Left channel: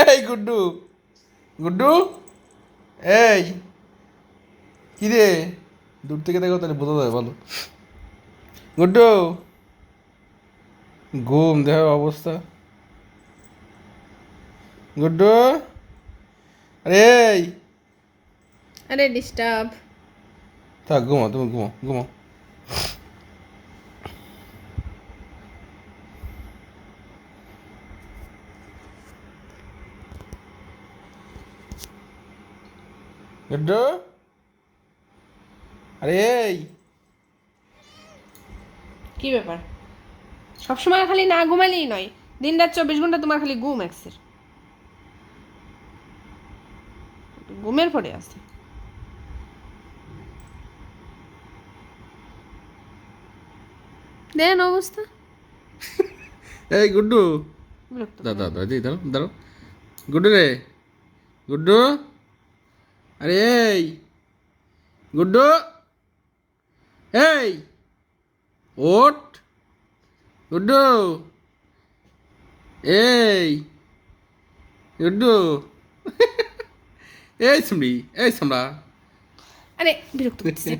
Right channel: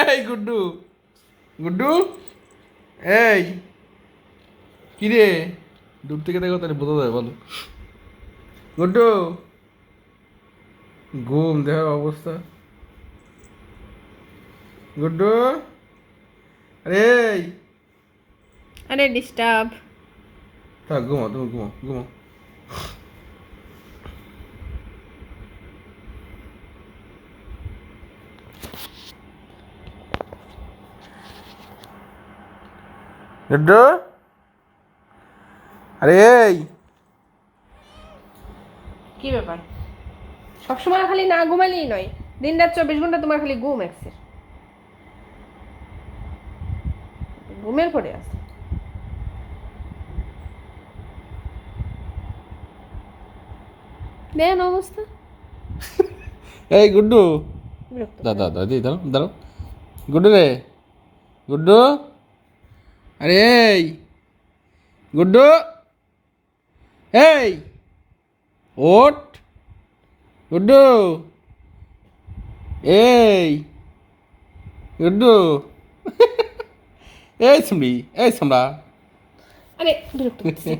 এই গুড্ডু, গুড্ডু, এই কি রে? দূর থেকে দেখো তাহলে বোঝা যাবে, বলো। গুড্ডু, ঘুম দেহ অবস্থা। গুড্ডু, আরে এই, আরে ডিস্টার্ব। থাক ঘুমো, তুমি ঘুমো ঘুমো। গুড্ডু, আরে এই, কি ব্যাপার? সবসময় খালি না ঘুমালেই নয়, দিন রাত 24 ঘন্টা তোমার খালি ঘুম একসের। ঘুমের পড়ে আছে। দেন অবস্থা। এই গুড্ডু, বিরক্ত করে। দাদা দাদি দাঁড়ো দাঁড়ো। গুড্ডু রে, গুড্ডু, আরে এই, গুড্ডু, এই, ওঠ, গুড্ডু, এই, গুড্ডু, এই সুমড়ি, এই সামড়া। আরে বিরক্ত করছে।